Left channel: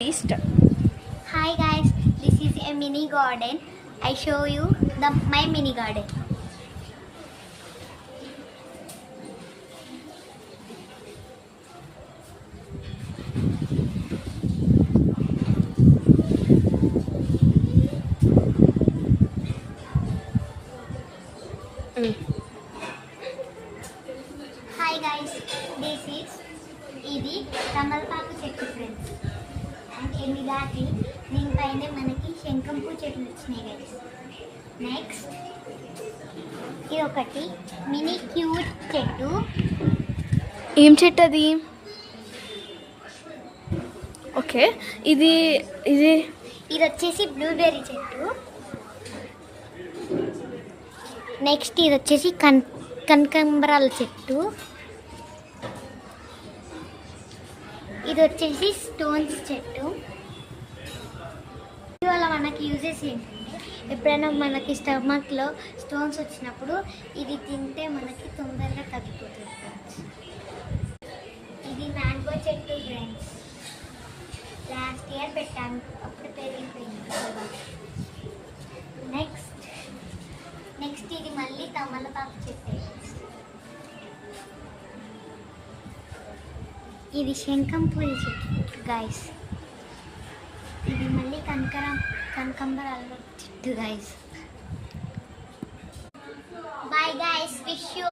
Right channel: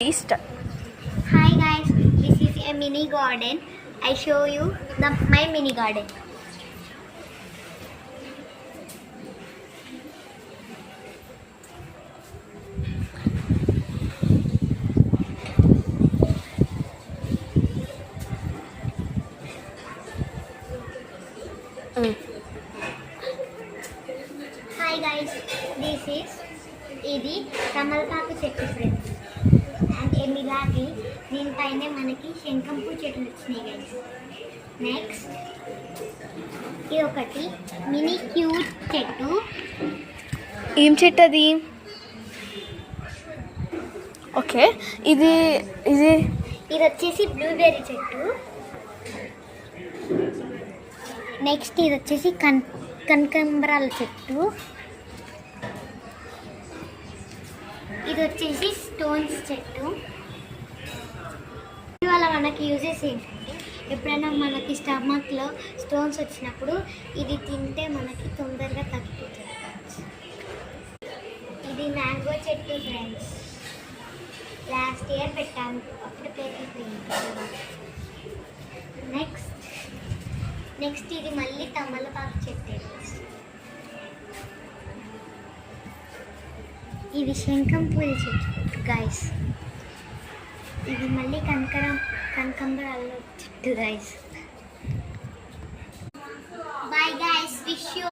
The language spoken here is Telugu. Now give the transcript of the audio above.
Start. Hi guys, this is a mini garden. I show you my mini garden. Hi guys, this is ఇది తమలపాకు చెట్టు ఫ్రెండ్స్ అండ్ ఎమిలాకి దీనిపైన మనకి శంఖంపూ చెట్లు వచ్చినాయి గైస్. నెక్స్ట్ ఇది ఒకటి మినీ క్యూట్ చెట్టు. ఏం చెట్టు అది? ఓకే, ఇది ఇది ఇది వచ్చేసి బ్లూబెర్రీ చెట్టు. నెక్స్ట్ ఇది వచ్చేసి కనకాంబరాల చెట్టు. ఇది వచ్చేసి స్టోన్స్ చెట్టు. ఇవాళ మనకి యూజెస్ ఏంటంటే ఎప్పుడైనా మనకి స్టమక్లో స్టోన్స్ వచ్చినప్పుడు ఇది తింటే మనకి తొందరగా తగ్గిపోతుంది. ఇది మ్యాంగో చెట్టు ఫ్రెండ్స్. లాస్ట్ ఇయర్ పెట్టాము, అప్పుడు పెరిగిపోయింది. నెక్స్ట్ ఇది మళ్ళీ తమలపాకు చెట్టు. ఇది శంఖంపూల చెట్టు గైస్. ఇది మళ్ళీ కనకాంబరాల చెట్టు guys. Bye guys, wish you